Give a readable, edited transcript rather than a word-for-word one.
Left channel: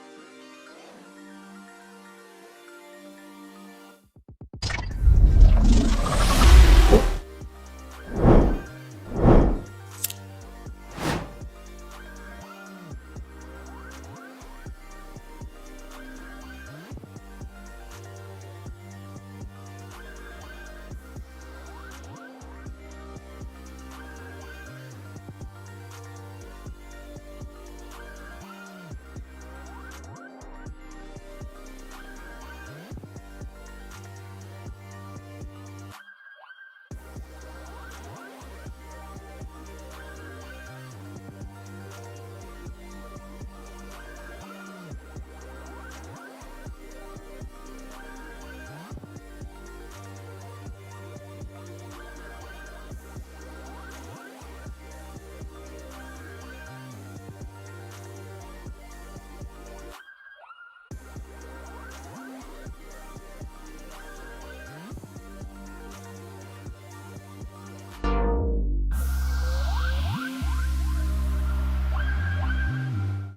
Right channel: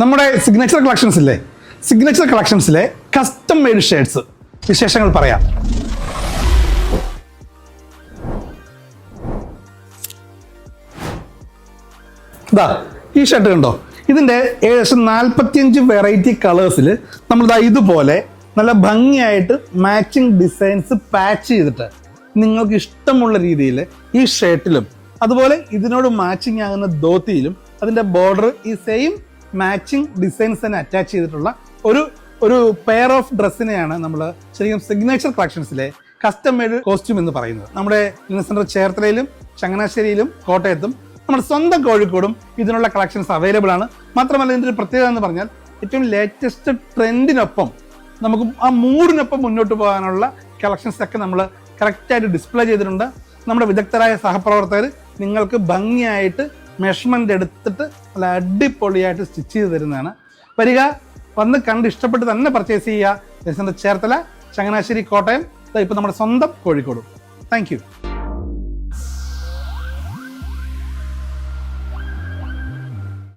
നമ്മുടെ signature കളക്ഷൻസിലെ custom made shirts വിശേഷങ്ങൾ പറയാം. ഇതാ ഈ ഷർട്ട് കണ്ടോ, ഇതിൻ്റെ ഏകദേശം 45 വെറൈറ്റി കളേഴ്സിൽ നമ്മളിതാ ഇതുപോലെ നല്ല ഭംഗിയായിട്ട് മാച്ചിങ് ഡിസൈൻസ് പാച്ച് ചെയ്തിട്ട് നിങ്ങൾക്ക് ഇഷ്ടമുള്ള രീതിയിൽ ഈ ഷർട്ടിലും അതുപോലെ ഇതിനോട് മാച്ചിങ് ആകുന്ന ധോത്തിയിലും അതിൻ്റെ ബോർഡർ ഈ സെയിം മാച്ചിങ് ഡിസൈൻസ് തന്നെ അറ്റാച്ച് ചെയ്തിട്ടുള്ള ഒരു പെയർ ഓഫ് ഡ്രസ്സിനെയാണ് നമ്മൾ ശരിക്കും സിഗ്നേച്ചർ കളക്ഷൻസിലെ കസ്റ്റം മെയ്ഡ് കോസ്റ്റ്യൂം എന്ന് പറയുന്നത്. നമ്മുടെ സെൻറ്റർ ചേർത്തലയിലും ചങ്ങനാശ്ശേരിയിലും കോട്ടയത്തും നമ്മുടെ സ്വന്തം കോഴിക്കോടും ഇതിനുള്ള കളക്ഷൻസ് അവൈലബിൾ ആണ്. മാത്രമല്ല ഇതിൻ്റെ ഒരു പ്രത്യേകത എന്ന് പറഞ്ഞാൽ ഏറ്റവും ലേറ്റസ്റ്റ് ട്രെൻഡിനൊപ്പം നമുക്ക് ആ മൂഡിനൊപ്പം മുന്നോട്ട് പോകാനുള്ള കളക്ഷൻസ് ഒക്കെ നമ്മൾ കറക്റ്റായിട്ട് ഡിസ്പ്ലേ ചെയ്തിട്ടുണ്ട്. നമ്മുടെ വിദഗ്ധരായ സഹപ്രവർത്തകർ നിങ്ങൾക്ക് ഭംഗിയായിട്ട് മെഷർമെൻ്റ് എടുത്തിട്ട് നല്ല അടിപൊളിയായിട്ട് സ്റ്റിച്ച് ചെയ്ത് തരുന്നതാണ്. വന്ന് കണ്ട് ഇഷ്ടപ്പെട്ട് തന്നെ പർച്ചേസ് ചെയ്യുക. ചേർത്തല, ചങ്ങനാശ്ശേരി, കോട്ടയം, ഇപ്പോൾ നമ്മുടെ സ്വന്തം കോഴിക്കോട്. Thank you.